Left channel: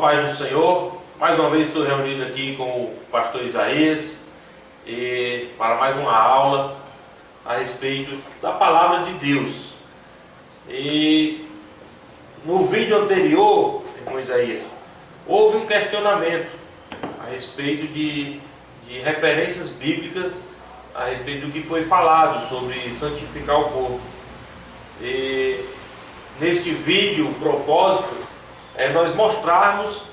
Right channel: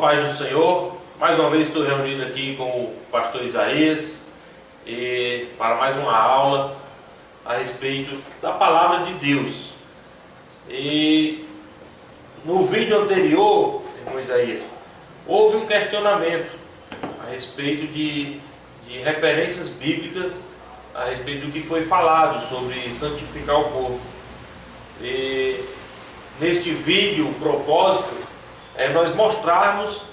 paz do Senhor. Mais uma vez estou reunido aqui com o pastor Isaías para mais uma aula a respeito da palavra de Deus. E no vídeo anterior, irmão Isaías, houve um questionamento a respeito de referências bíblicas a respeito do que foi falado sobre santificar o corpo. E neste vídeo, o propósito é nós mostrarmos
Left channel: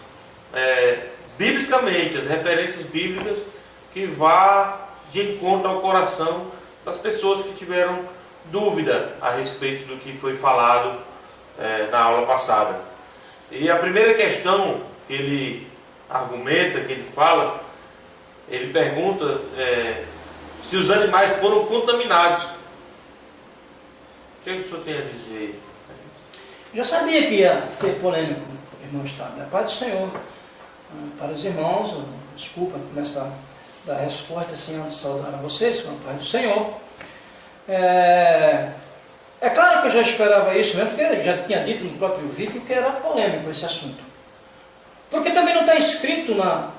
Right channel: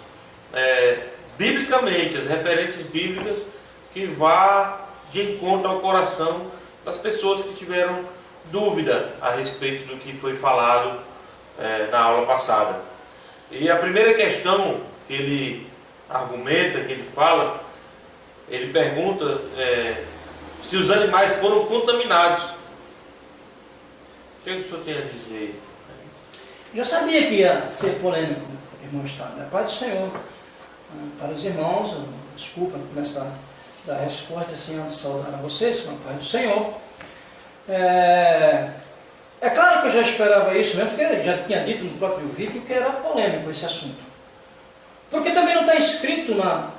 biblicamente as referências bíblicas que vá de encontro ao coração das pessoas que tiveram dúvida a respeito do que foi falado na aula passada. E a primeira questão que ele argumenta, que ele fala, ele pergunta se os animais foram contaminados. O que o senhor tem a dizer? Eu já sabia que ia ser polêmico, irmão Estado. É Pai do Senhor. Para os irmãos, desculpa da resposta assim, antes de saudar a vocês, com a Pai do Senhor. É claro que eu já esperava isso mesmo, porque eu já tinha dito no próprio vídeo que era polêmico esse assunto. Porque também não está escrito na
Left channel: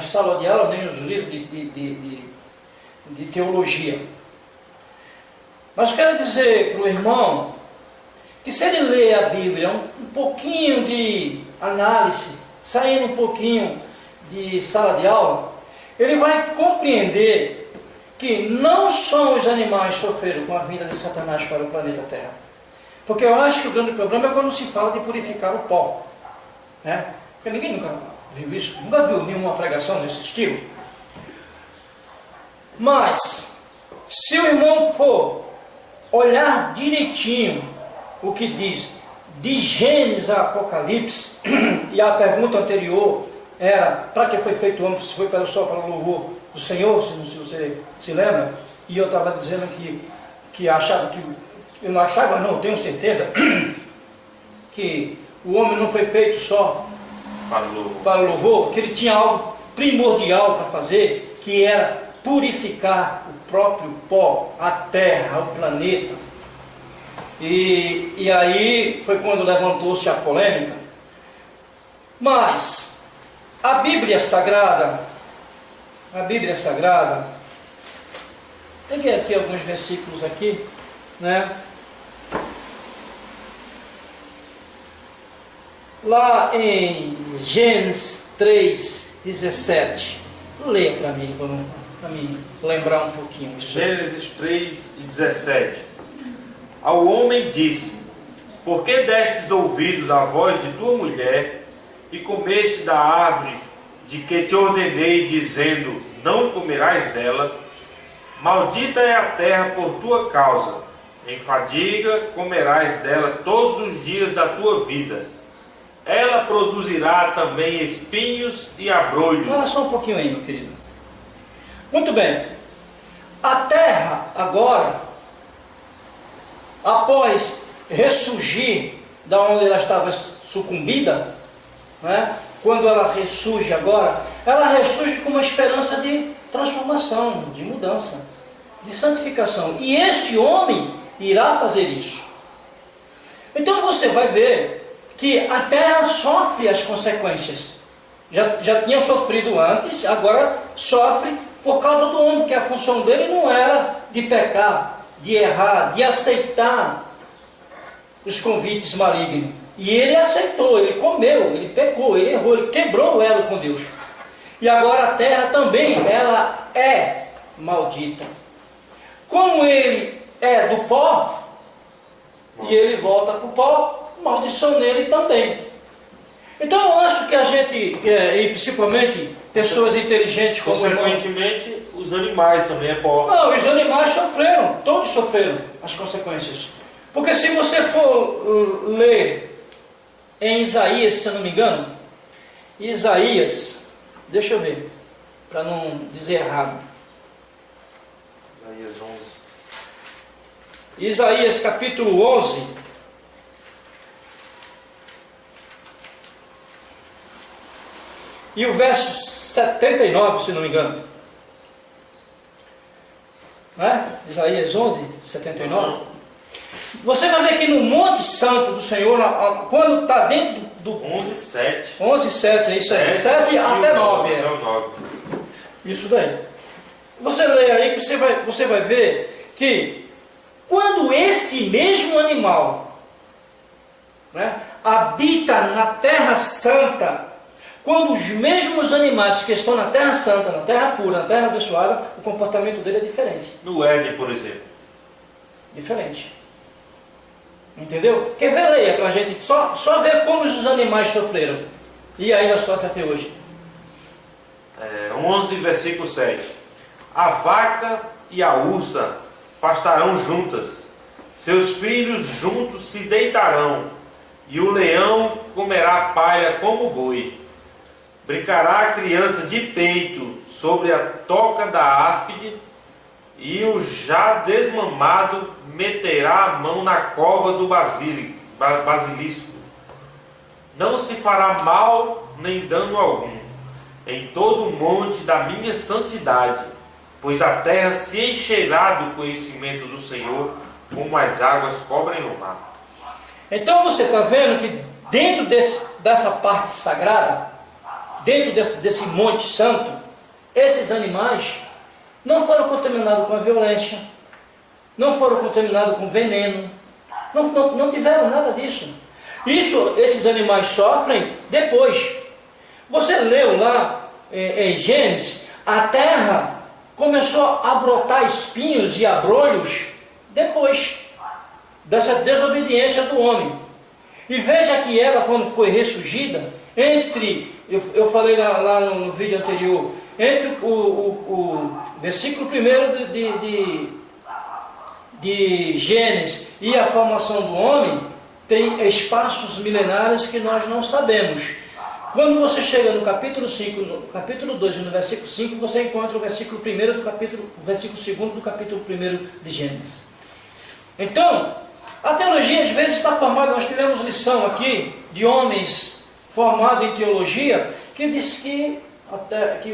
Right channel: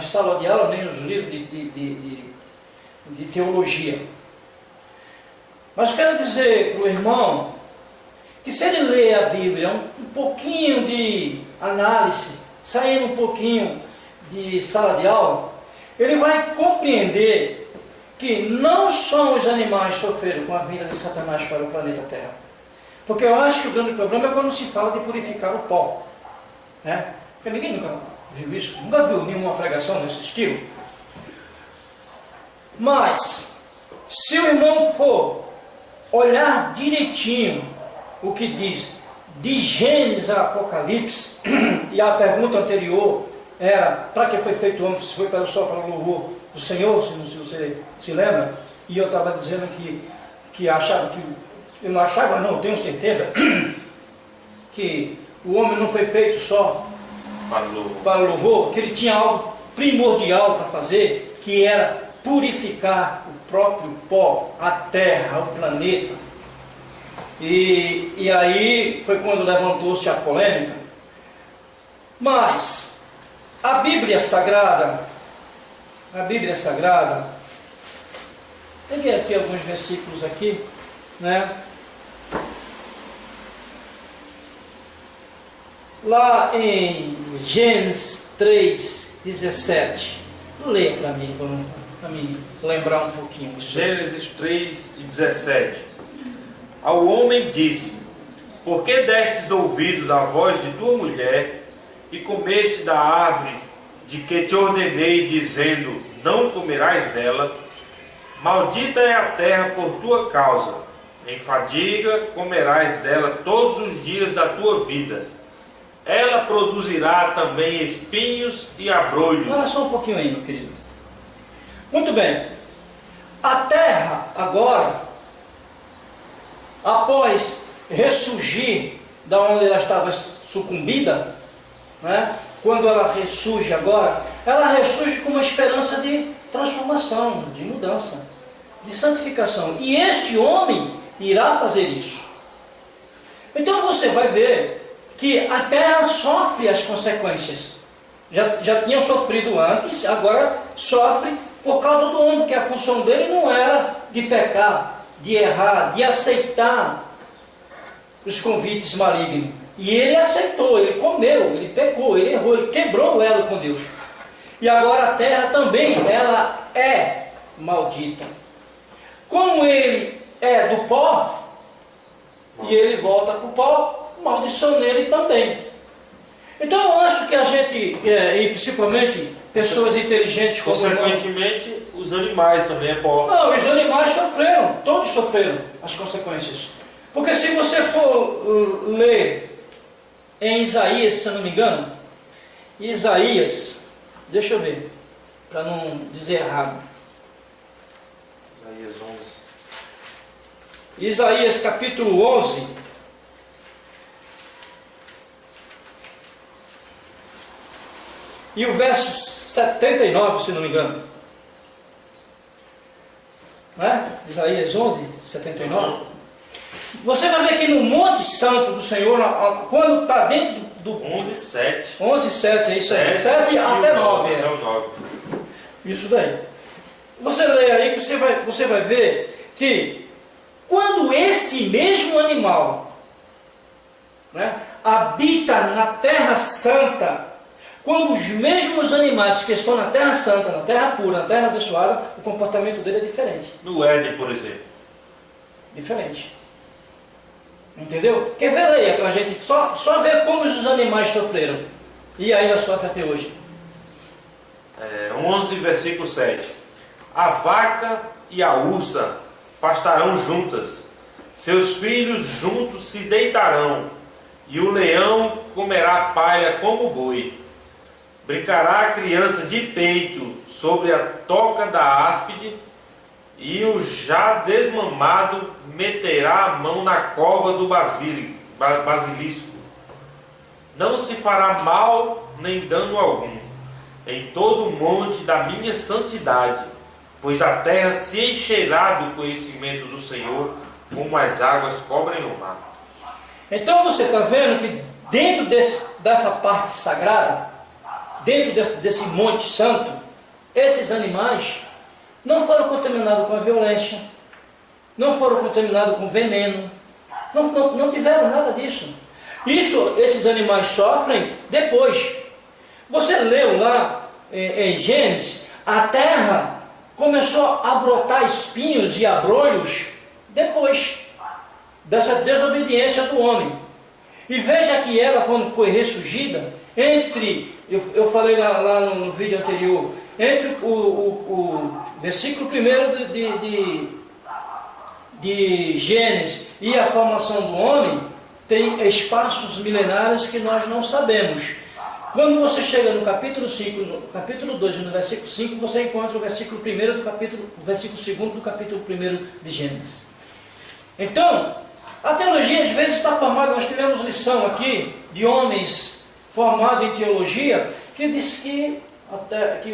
sala de aula, nem nos livros de teologia. Mas quero dizer para o irmão que se ele lê a Bíblia um pouquinho de análise, saindo um pouquinho de sala de aula, ele vai compreender que não só os animais sofreram com a vinda de Satanás para o planeta Terra. Porque eu acho que o grande problema é quando se fala de purificar o pó. Né? Porque ninguém nunca viu isso, nunca viu nenhuma pregação desse estilo. Mas, se o irmão for olhar direitinho o que diz de Gênesis a Apocalipse, e a pergunta anterior era para que foi feito o homem, se foi para o louvor do Senhor, se você se lembra, e eu estava dizendo que achava que, eu não achava não, tenho certeza, que o homem não foi feito só para o louvor, que ele tinha algo primordial para fazer, que era purificar o próprio pó, a terra, o planeta. E aí foi quando levantou-se a polêmica. Mas a Bíblia Sagrada, peguei aqui alguns versículos aqui, né? Lá em Gênesis 3:17, leia para mim, para me lembrar um pouquinho isso. Gênesis 3:17. Ao homem disse: por que destes ouvidos à voz de tua mulher e comeste da árvore de que te ordenei, dizendo: não comerás dela? Maldita é a terra por tua causa, em fadiga comerás dela todos os dias da tua vida. Ela produzirá também espinhos e abrolhos. Olha só um pouquinho aí, meu querido. Muito bem. A terra agora, após ressurgir da onde ela estava sucumbida, né? Quando ela ressurge agora, ela ressurge com uma esperança de transformação, de mudança, de santificação. E este homem irá fazer isso. Então você vai ver que a terra sofre as consequências. Já tinha sofrido antes, agora sofre por causa do homem, que a função dele não era de pecar, de errar, de aceitar os convites malignos. E ele aceitou, ele comeu, ele pecou, ele errou, ele quebrou o elo com Deus. E agora a terra também, ela é maldita. Como ele é do pó, e ele volta para o pó, maldição nele também. Então eu acho que a gente, e principalmente pessoas inteligentes como consequentemente, os animais também é pó. Não, os animais sofreram, todos sofreram as consequências. Porque se você for ler em Isaías, se eu não me engano, Isaías, deixa eu ver, para não dizer errado. Isaías 11. Isaías capítulo 11. E o verso 79, se não me engano. Né? Isaías 11, 79. Você vai ver que no Monte Santo do Senhor, quando está dentro 11:7. 11:7, é isso aí. 7 até 9. É o 9. Isso daí. Você lê aí que você vai ver que quando esse mesmo animal, né, habita na Terra Santa, quando os mesmos animais que estão na Terra Santa, na Terra pura, na Terra abençoada, o comportamento dele é diferente. No Éden, por exemplo. Diferente. Entendeu? Quer ver, leia para a gente só ver como os animais sofreram. E ainda sofrem até hoje. 11, versículo 7. A vaca e a ursa pastarão juntas, seus filhos juntos se deitarão, e o leão comerá palha como boi. Brincará a criança de peito sobre a toca da áspide, e o já desmamado meterá a mão na cova do basilisco. Não se fará mal nem dano algum em todo o monte da minha santidade, pois a terra se encherá do conhecimento do Senhor, como as águas cobrem o mar. Então você está vendo que dentro dessa parte sagrada, dentro desse monte santo, esses animais não foram contaminados com a violência, não foram contaminados com veneno, não tiveram nada disso. Esses animais sofrem depois. Você leu lá em Gênesis, a terra começou a brotar espinhos e abrolhos depois dessa desobediência do homem. E veja que ela, quando foi ressurgida, eu falei lá no vídeo anterior, entre o versículo 1 de Gênesis e a formação do homem, tem espaços milenares que nós não sabemos. Quando você chega no capítulo 5, no capítulo 2 e no versículo 5, você encontra o versículo 1 o versículo 2 do capítulo 1 de Gênesis. Então, a teologia às vezes está formada, nós tivemos lição aqui de homens formados em teologia, que diz que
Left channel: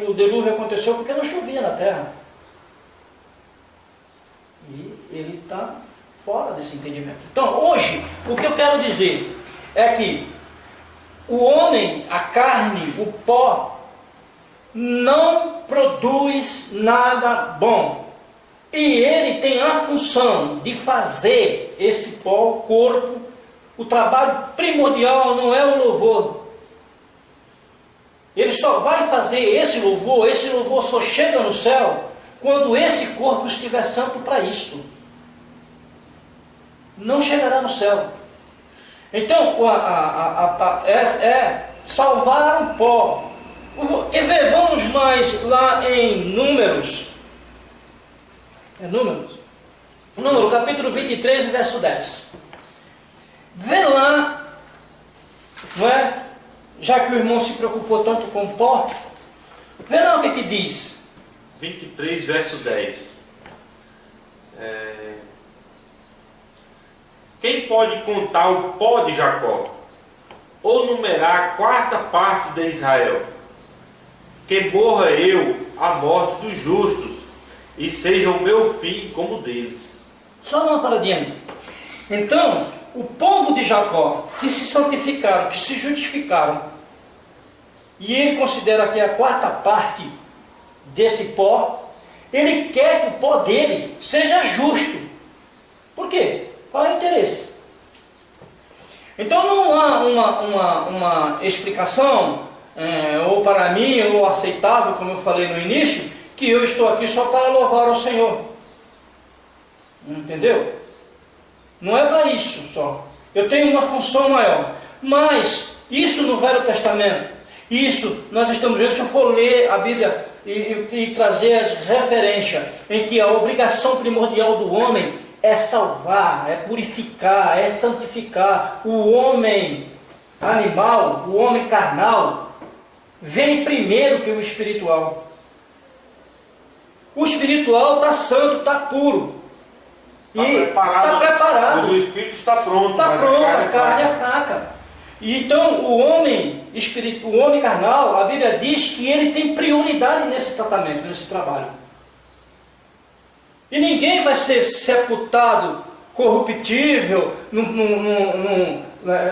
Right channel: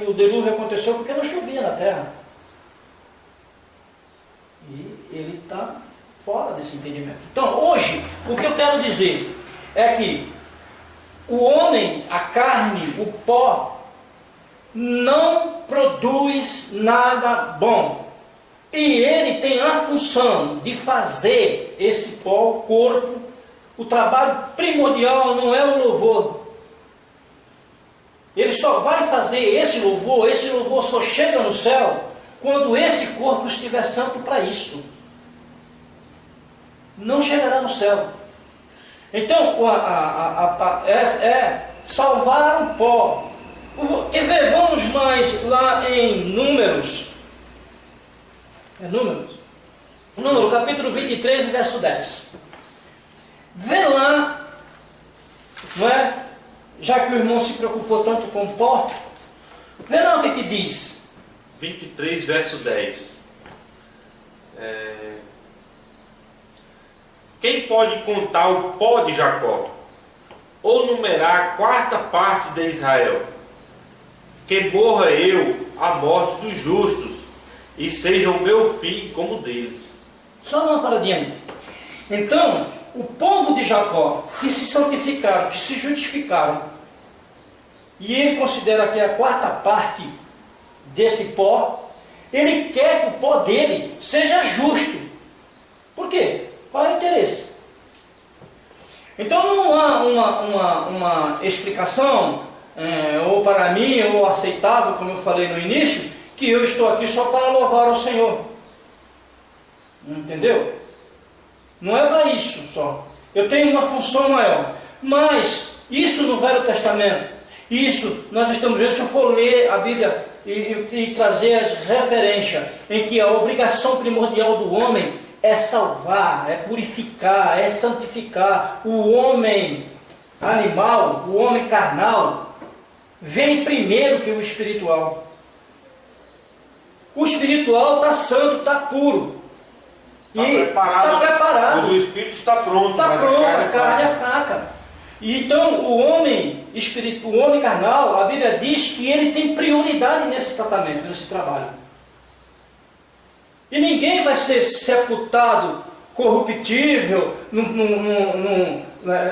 o dilúvio aconteceu porque não chovia na terra. E ele está fora desse entendimento. Então, hoje, o que eu quero dizer é que o homem, a carne, o pó, não produz nada bom. E ele tem a função de fazer esse pó, o corpo, o trabalho primordial não é o louvor. Ele só vai fazer esse louvor só chega no céu quando esse corpo estiver santo para isto. Não chegará no céu. Então, é salvar o pó. Quer ver? Vamos mais lá em Números. Número capítulo 23, verso 10. Vê lá, não é? Já que o irmão se preocupou tanto com o pó, vê lá o que diz. 23, verso 10. Quem pode contar o pó de Jacó, ou numerar a quarta parte de Israel? Que morra eu a morte dos justos, e seja o meu fim como o deles. Só uma paradinha aí. Então, o povo de Jacó, que se santificaram, que se justificaram, e ele considera que é a quarta parte desse pó, ele quer que o pó dele seja justo. Por quê? Qual é o interesse? Então não há uma explicação, ou para mim, ou aceitável, como eu falei no início, que eu estou aqui só para louvar ao Senhor. Entendeu? Não é para isso só. Eu tenho uma função maior. Mas isso no Velho Testamento, isso nós estamos vendo, se eu for ler a Bíblia e trazer as referências em que a obrigação primordial do homem é salvar, é purificar, é santificar. O homem animal, o homem carnal, vem primeiro que o espiritual. O espiritual está santo, está puro. Está preparado. O espírito está pronto. Está pronto, a carne é fraca. E então o homem carnal, a Bíblia diz que ele tem prioridade nesse tratamento, nesse trabalho. E ninguém vai ser sepultado corruptível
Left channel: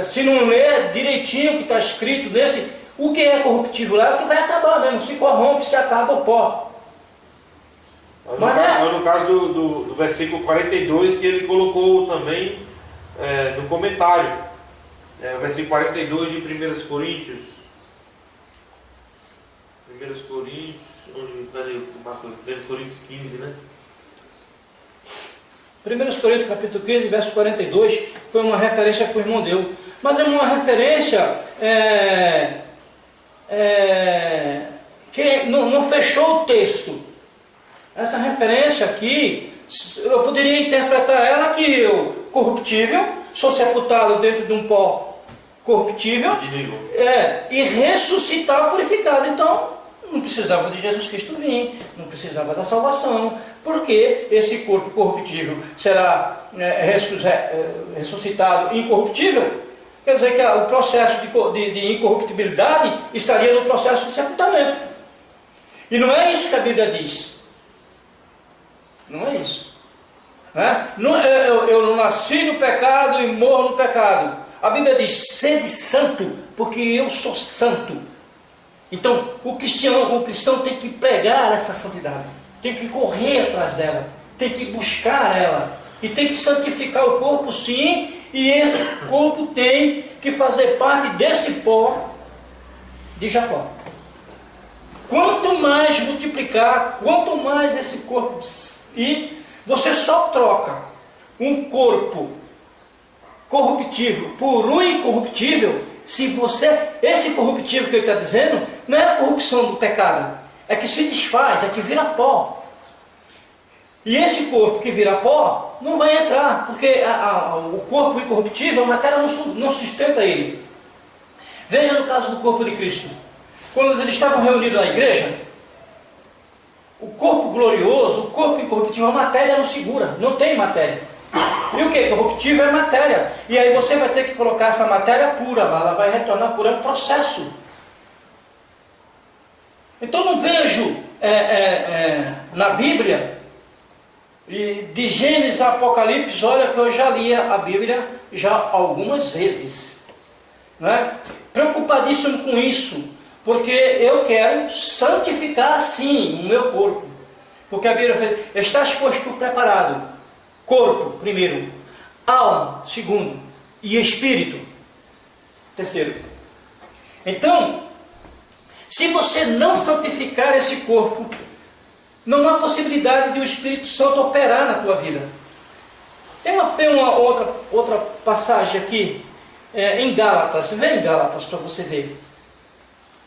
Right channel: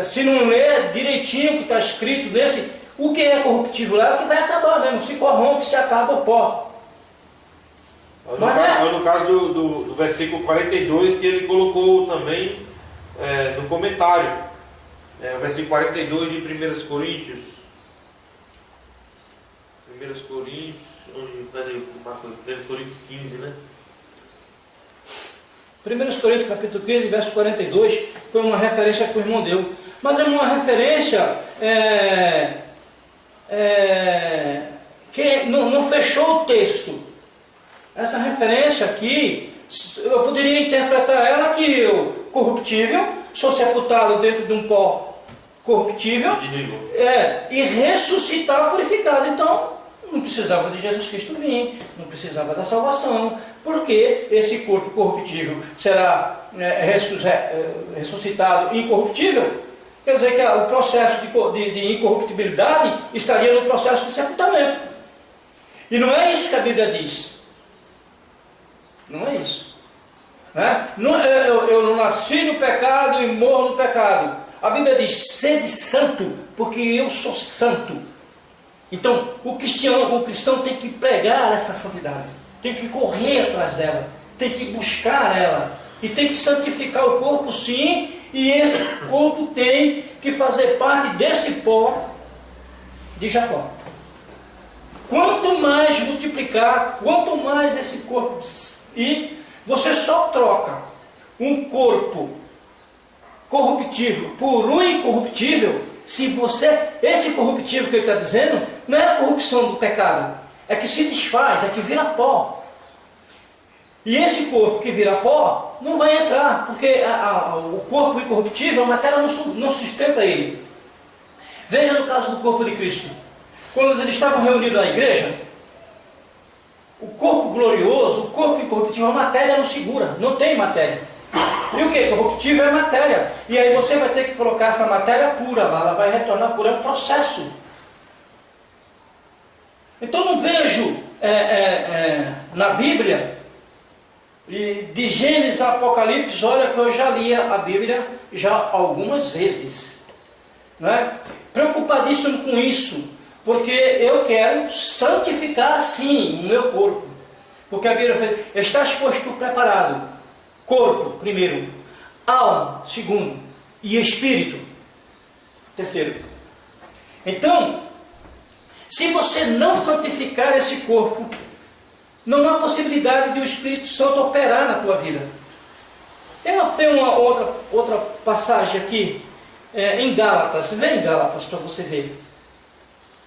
Se não ler direitinho o que está escrito nesse, o que é corruptível é o que vai acabar mesmo, se corrompe, se acaba o pó. No caso do versículo 42, que ele colocou também no comentário. O versículo 42 de 1 Coríntios. 1 Coríntios 15, né? 1 Coríntios capítulo 15, verso 42, foi uma referência que o irmão deu. Mas é uma referência que não fechou o texto. Essa referência aqui, eu poderia interpretar ela que eu, corruptível, sou sepultado dentro de um pó corruptível, e ressuscitar purificado. Então, não precisava de Jesus Cristo vir, não precisava da salvação, porque esse corpo corruptível será ressuscitado incorruptível. Quer dizer que o processo de incorruptibilidade estaria no processo de sepultamento. E não é isso que a Bíblia diz. Não é isso. Eu não nasci no pecado e morro no pecado. A Bíblia diz: sede santo, porque eu sou santo. Então, o cristão tem que pregar essa santidade, tem que correr atrás dela, tem que buscar ela, e tem que santificar o corpo, sim, e esse corpo tem que fazer parte desse pó de Jacó. Quanto mais multiplicar, quanto mais esse corpo, e você só troca um corpo corruptível por um incorruptível, se esse corruptível que ele está dizendo, não é a corrupção do pecado, é que se desfaz, é que vira pó. E esse corpo que vira pó, não vai entrar, porque o corpo incorruptível, a matéria não sustenta ele. Veja no caso do corpo de Cristo. Quando eles estavam reunidos na igreja, o corpo glorioso, o corpo incorruptível, a matéria não segura, não tem matéria. E o que? Corruptível é matéria. E aí você vai ter que colocar essa matéria pura, ela vai retornar pura, é um processo. Então não vejo na Bíblia, e de Gênesis a Apocalipse, olha que eu já li a Bíblia já algumas vezes, né? Preocupadíssimo com isso, porque eu quero santificar sim o meu corpo, porque a Bíblia fala: estás posto preparado, corpo primeiro, alma segundo, e espírito terceiro. Então, se você não santificar esse corpo, não há possibilidade de o Espírito Santo operar na tua vida. Tem uma outra passagem aqui, em Gálatas. Vem em Gálatas para você ver.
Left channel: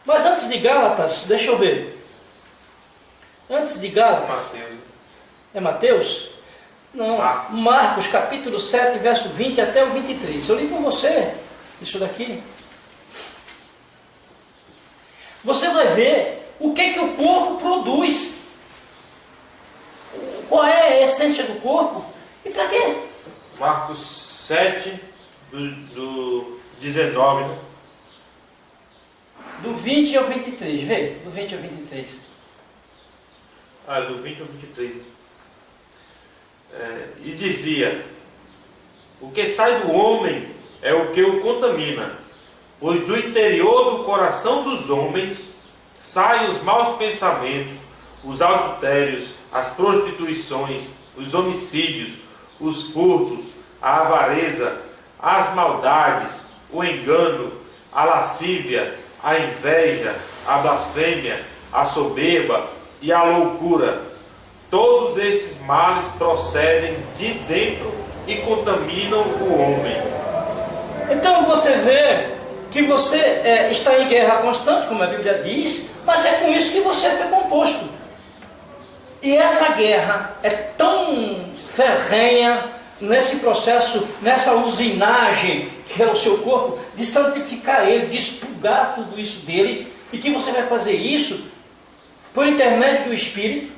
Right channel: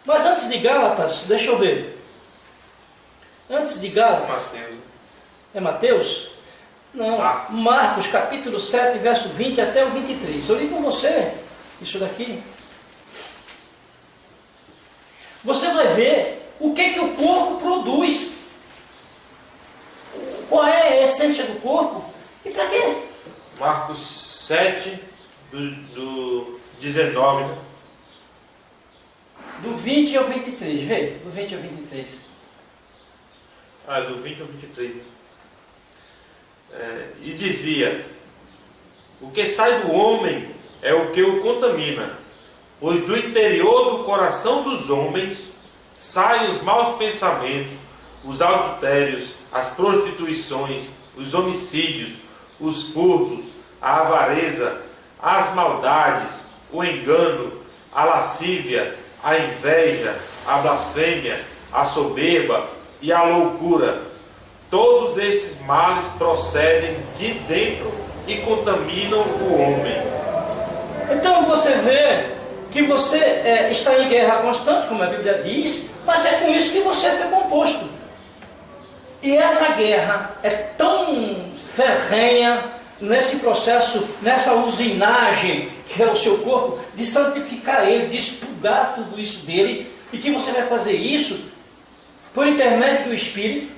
Mas antes de Gálatas, deixa eu ver. Antes de Gálatas... Mateus. É Mateus? Não, Marcos capítulo 7, verso 20 até o 23. Eu li com você isso daqui. Você vai ver o que o corpo produz. Qual é a essência do corpo e para quê? Marcos 7, do 19, né? Do 20 ao 23, vê? Do 20 ao 23. Do 20 ao 23. E dizia: o que sai do homem é o que o contamina, pois do interior do coração dos homens saem os maus pensamentos, os adultérios, as prostituições, os homicídios, os furtos, a avareza, as maldades, o engano, a lascívia, a inveja, a blasfêmia, a soberba e a loucura. Todos estes males procedem de dentro e contaminam o homem. Então você vê que você está em guerra constante, como a Bíblia diz, mas é com isso que você foi composto. E essa guerra é tão ferrenha nesse processo, nessa usinagem que é o seu corpo, de santificar ele, de expurgar tudo isso dele, e que você vai fazer isso por intermédio do Espírito,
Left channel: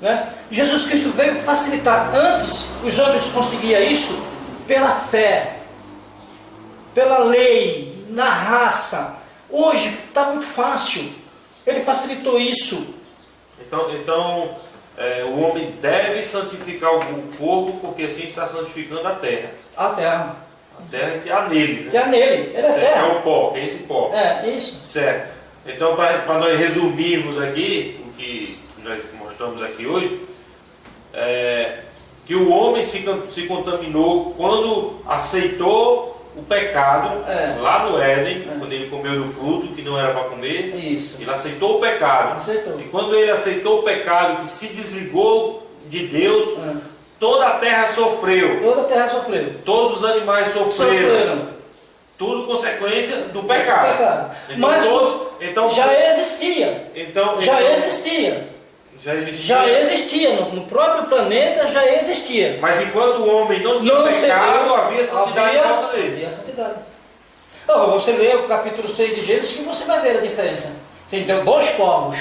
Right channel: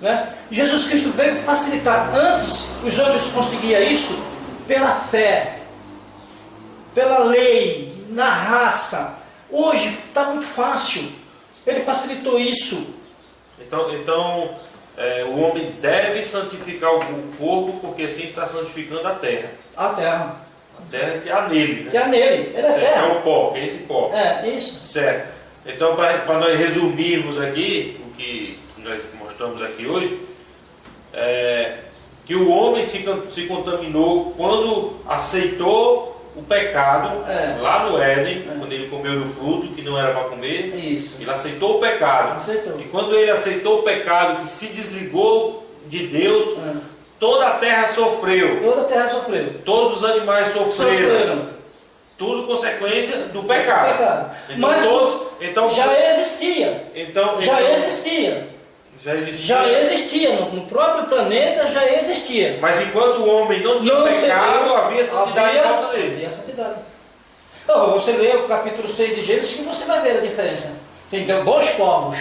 né? Jesus Cristo veio facilitar. Antes os homens conseguiam isso pela fé, pela lei, na raça. Hoje está muito fácil. Ele facilitou isso. Então o homem deve santificar o corpo, porque assim está santificando a terra. A terra. A terra que há nele, né? Que há nele, ele é Certo, terra. é o pó, que é esse pó. É, isso. Certo. Então, para nós resumirmos aqui, o que nós mostramos aqui hoje, que o homem se contaminou quando aceitou o pecado lá no Éden, quando ele comeu do fruto que não era para comer. Isso. Ele aceitou o pecado. Aceitou. E quando ele aceitou o pecado, que se desligou de Deus, toda a terra sofreu. Toda a terra sofreu. Todos os animais sofreram. Tudo consequência do pecado. Então, Mas já existia. Já existia. No próprio planeta já existia. Mas enquanto o homem não tinha pecado, havia santidade em volta dele. Havia santidade. Então, você lê o capítulo 6 de Gênesis que você vai ver a diferença. Você tem dois povos.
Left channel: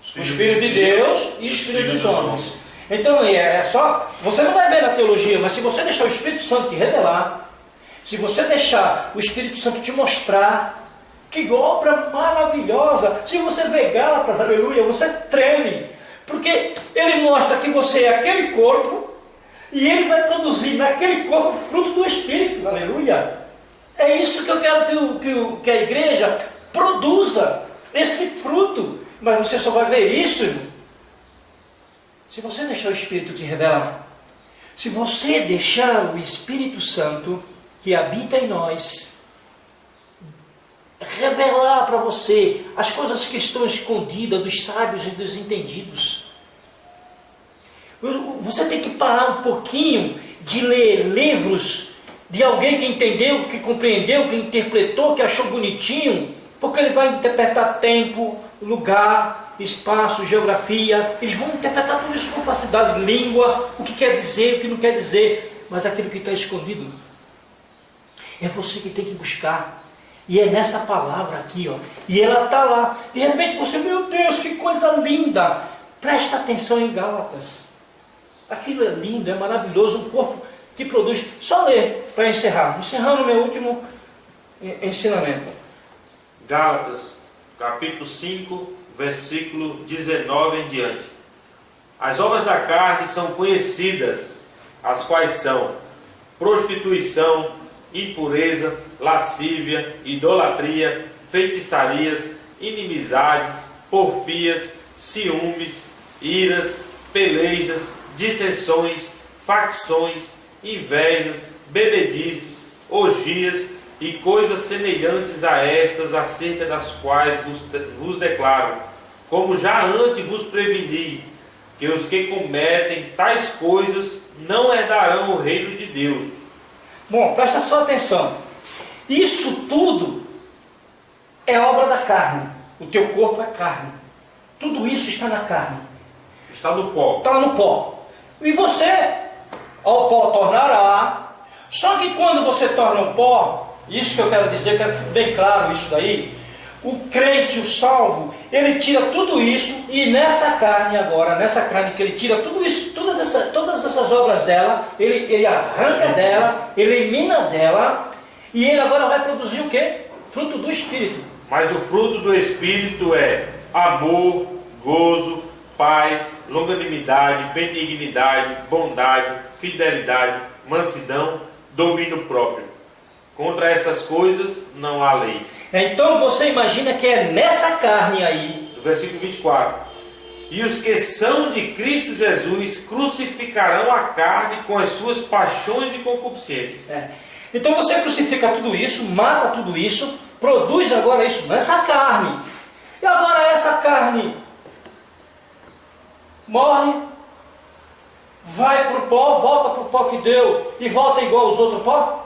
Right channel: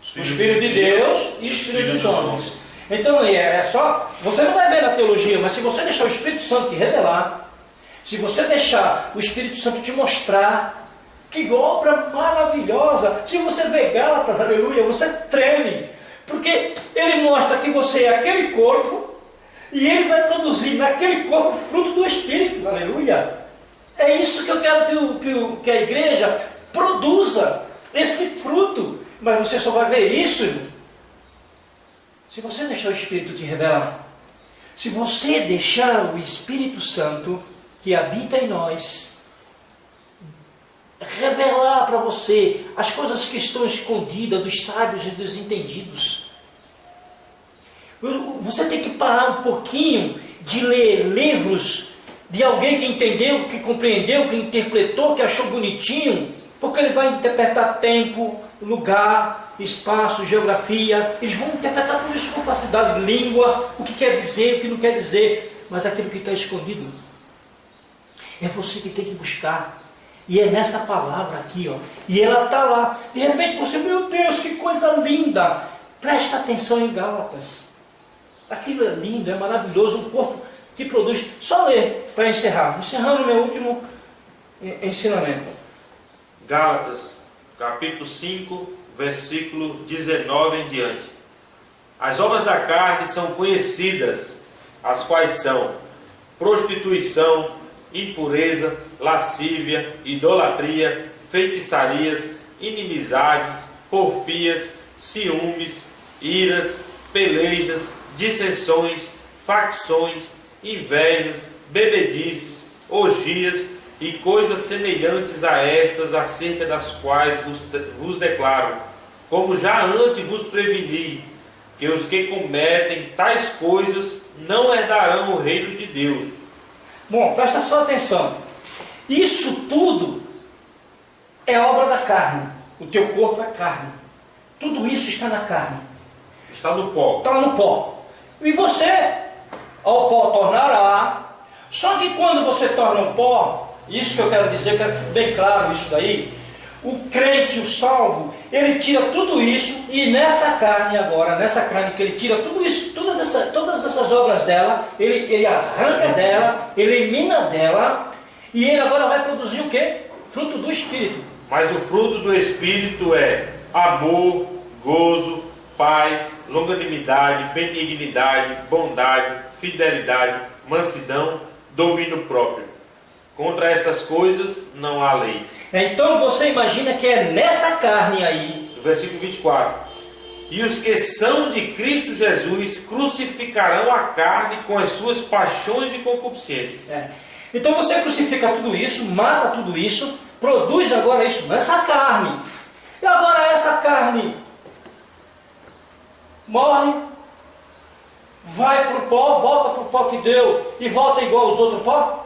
Os filhos de Deus e os filhos dos homens. Então, é só... Você não vai ver na teologia, mas se você deixar o Espírito Santo te revelar, se você deixar o Espírito Santo te mostrar, que obra maravilhosa! Se você vê Gálatas, aleluia, você treme. Porque ele mostra que você é aquele corpo e ele vai produzir naquele corpo fruto do Espírito, aleluia. É isso que eu quero que a igreja produza, esse fruto. Mas você só vai ver isso se você deixar o Espírito te revelar. Se você deixar o Espírito Santo que habita em nós revelar para você as coisas que estão escondidas dos sábios e dos entendidos. Você tem que parar um pouquinho de ler livros de alguém que entendeu, que compreendeu, que interpretou, que achou bonitinho, porque ele vai interpretar tempo, lugar, espaço, geografia. Eles vão interpretar tudo isso com facilidade, língua, o que quer dizer, o que não quer dizer, mas aquilo que está escondido é você que tem que buscar. E é nessa palavra aqui, ó. E ela está lá. De repente você, meu Deus, que coisa linda. Presta atenção em Gálatas. Aquilo é lindo, é maravilhoso. Um corpo que produz. Só ler para encerrar. Encerrando o meu último ensinamento. Gálatas, capítulo 5, versículo 19 em diante. As obras da carne são conhecidas, as quais são prostituição, impureza, lascívia, idolatria, feitiçarias, inimizades, porfias, ciúmes, iras, pelejas, dissensões, facções, invejas, bebedices, orgias e coisas semelhantes a estas, acerca das quais vos declaro, como já antes vos preveni, que os que cometem tais coisas não herdarão o reino de Deus. Bom, presta só atenção. Isso tudo é obra da carne. O teu corpo é carne. Tudo isso está na carne. Está no pó. Está no pó. E você, ao pó tornará. Só que quando você torna um pó, isso que eu quero dizer, quero que fique bem claro isso daí. O crente, o salvo, ele tira tudo isso e nessa carne agora, nessa carne que ele tira tudo isso, todas essas obras dela, ele arranca dela, elimina dela e ele agora vai produzir o quê? Fruto do Espírito. Mas o fruto do Espírito é amor, gozo, paz, longanimidade, benignidade, bondade, fidelidade, mansidão, domínio próprio. Contra estas coisas não há lei. Então você imagina que é nessa carne aí. Versículo 24. E os que são de Cristo Jesus crucificarão a carne com as suas paixões e concupiscências. Então você crucifica tudo isso, mata tudo isso, produz agora isso nessa carne. E agora essa carne morre, vai para o pó, volta para o pó que deu e volta igual aos outros pó?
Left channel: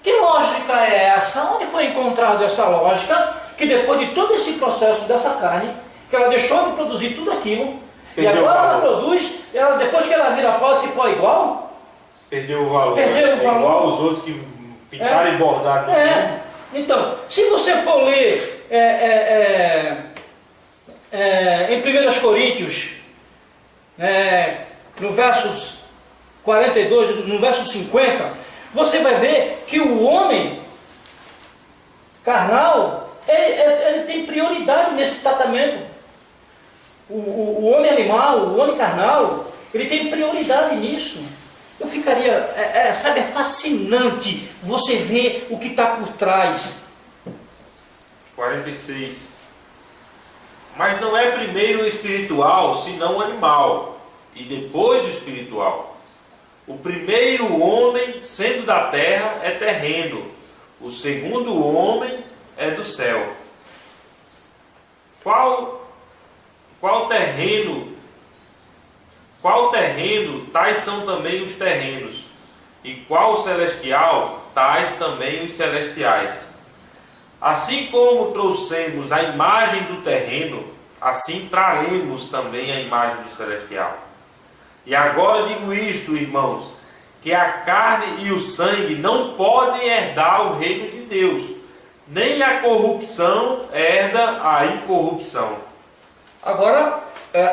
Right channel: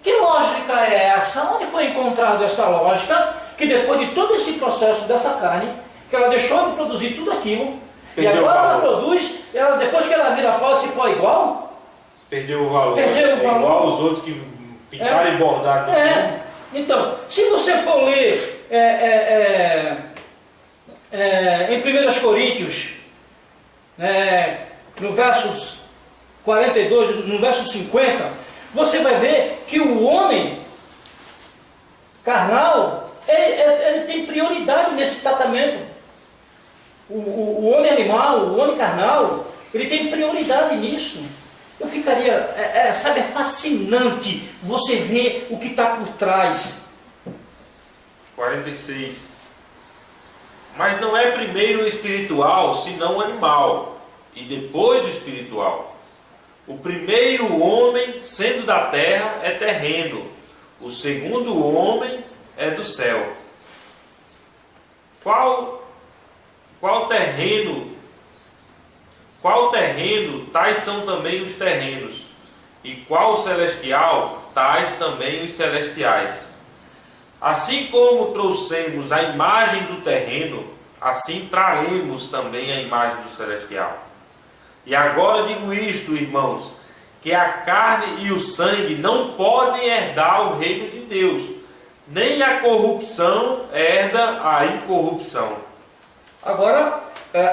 Que lógica é essa? Onde foi encontrada essa lógica? Que depois de todo esse processo dessa carne, que ela deixou de produzir tudo aquilo, e agora ela produz, depois que ela vira pó, esse pó é igual? Perdeu o valor. Perdeu o valor. Igual aos outros que pintaram e bordaram. Então, se você for ler em 1 Coríntios, no versos 42, no verso 50, você vai ver que o homem carnal, ele tem prioridade nesse tratamento. O homem animal, o homem carnal, ele tem prioridade nisso. Eu ficaria, sabe, é fascinante você ver o que está por trás. 46. Mas não é primeiro o espiritual, senão o animal, e depois o espiritual. O primeiro homem, sendo da terra, é terreno. O segundo homem é do céu. Qual terreno, tais são também os terrenos, e qual celestial, tais também os celestiais. Assim como trouxemos a imagem do terreno, assim traremos também a imagem do celestial. E agora digo isto, irmãos, que a carne e o sangue não podem herdar o reino de Deus, nem a corrupção herda a incorrupção. Agora,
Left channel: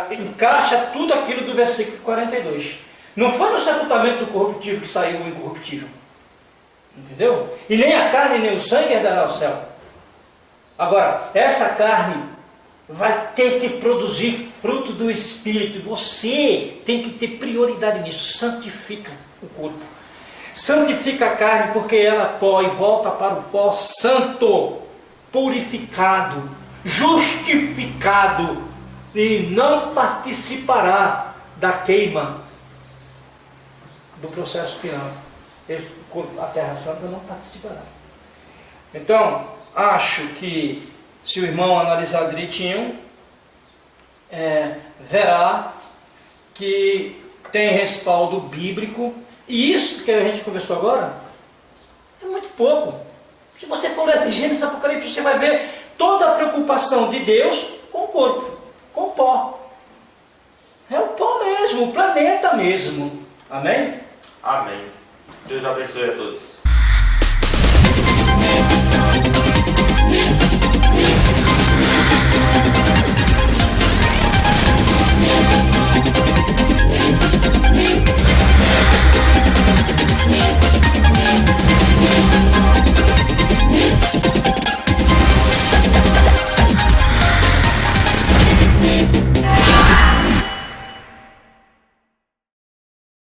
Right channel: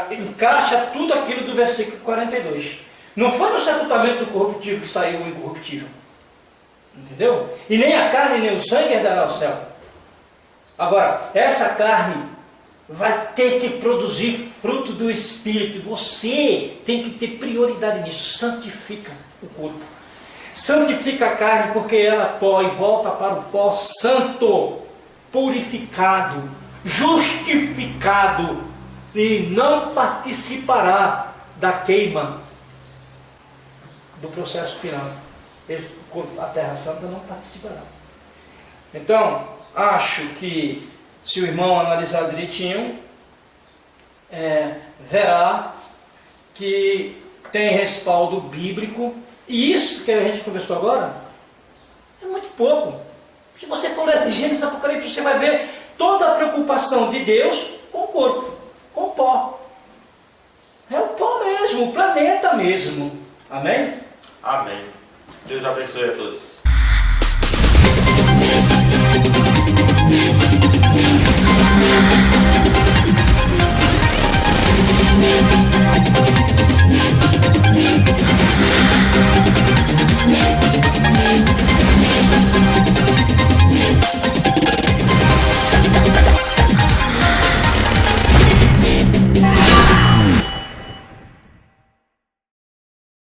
encaixa tudo aquilo do versículo 42. Não foi no sepultamento do corruptível que saiu o incorruptível. Entendeu? E nem a carne nem o sangue herdará o céu. Agora, essa carne vai ter que produzir fruto do Espírito. Você tem que ter prioridade nisso. Santifica o corpo. Santifica a carne, porque ela é pó e volta para o pó santo, purificado, justificado, e não participará da queima do processo final. A Terra Santa não participará. Então, acho que se o irmão analisar direitinho, verá que tem respaldo bíblico, e isso que a gente conversou agora é muito pouco. Se você for ler de Gênesis e Apocalipse, você vai ver toda a preocupação de Deus com o corpo, com o pó. É o pó mesmo, o planeta mesmo. Amém? Amém. Deus abençoe a todos.